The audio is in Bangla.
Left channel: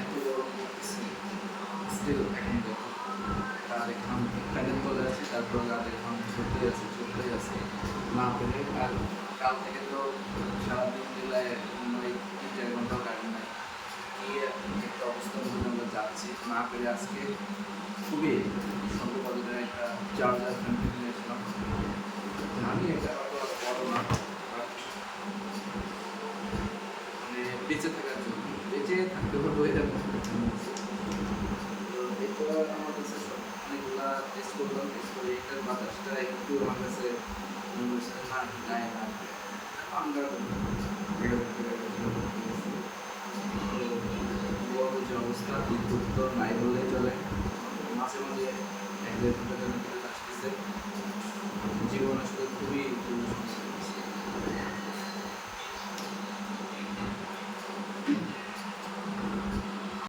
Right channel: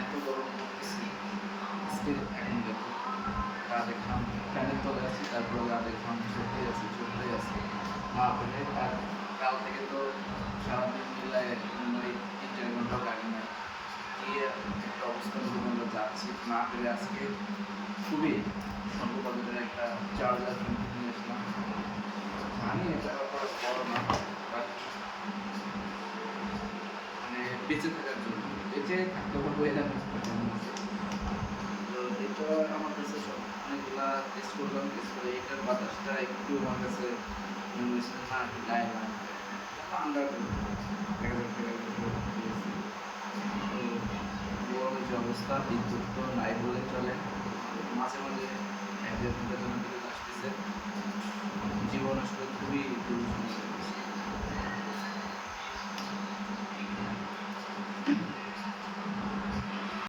এত গরম পড়তেছে, স্টিল এখন দেখো রাতে ঘাম, ফ্যানের তলে আছি, তারপরে রাতে ঘাম ছুটতেই আছে ছুটতেই আছে না পেলে। আর কাল থেকে তো সারাদিন মিলায় মনে হয় 3-4 ঘন্টাও কারেন্ট নাই। কি একটা অবস্থা বলতে আমরা যাচ্ছি না পেরে আজকে খুবই স্বল্প বাজেটের একটা চার্জার ফ্যান কিনে আসলাম। জানি এটা অত বড় না, বাট মানে বেঁচে থাকার জন্য, বেঁচে থাকতে পারবো এরকম একটা ফ্যান নিয়েছি। তো এটা আমার কাছে সব অনেকগুলা টেস্ট করলাম, টেস্ট করে এটার বাতাসটা একটু আমার কাছে মনে হয়েছে না একটু গায়ে লাগবে। তারপর আন্ডার 1,000 টাকা বেশি দিয়েছি। তো গরমের যে অবস্থা, বিদ্যুৎ তো নাই বললেই চলে, মাঝে মাঝে 1-1.5 ঘন্টার জন্য বিদ্যুৎ আসতেছে। জীবন আসলে খুবই দুরূহ সমস্যা।